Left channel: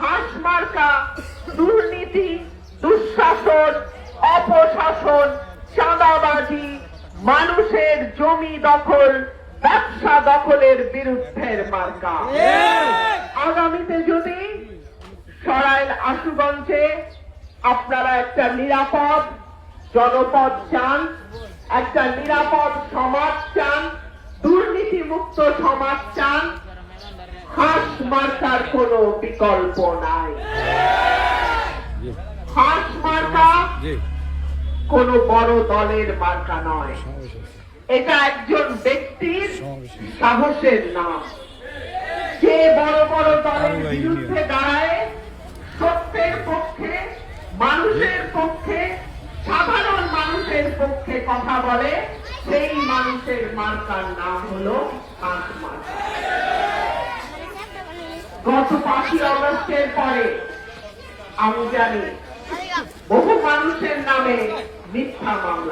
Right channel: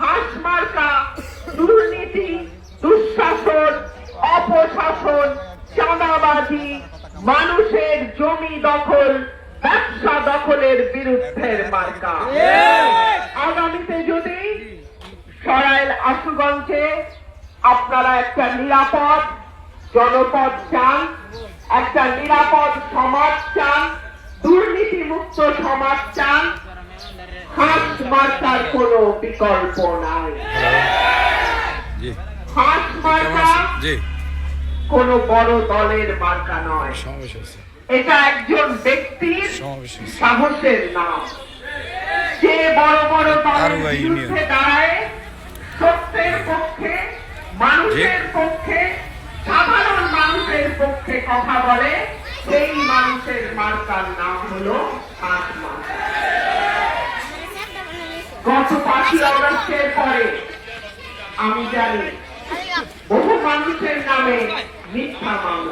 হাঁস মার্কা দুর্নীতি, দুঃশাসন, অপশাসন, চাঁদাবাজি, মানুষের জমি দখল, ব্যবসা দখলের বিরুদ্ধের মার্কা। আগামীতে যদি সরাইল আশুগঞ্জে আপনারা একটা নিরাপদ জনপদ চান, একটা নিরাপদ সমাজ চান, দুর্নীতিমুক্ত সমাজ চান, হাঁস মার্কার কোনো বিকল্প নাই। হাঁস মার্কা কোন বড় দলের মার্কা নয়, এটা একজন ব্যক্তির সাহসের নাম। যে বড় বড় দলের বিরুদ্ধে দাঁড়ায়, সত্যের পক্ষে, মানুষের পক্ষে, সাধারণ মানুষের পক্ষে কথা বলে, সেই মানুষের মার্কার নাম হলো হাঁস মার্কা। গত 5ই আগস্টের পরে আমি জানি বহু মানুষের নামে মিথ্যা মামলা।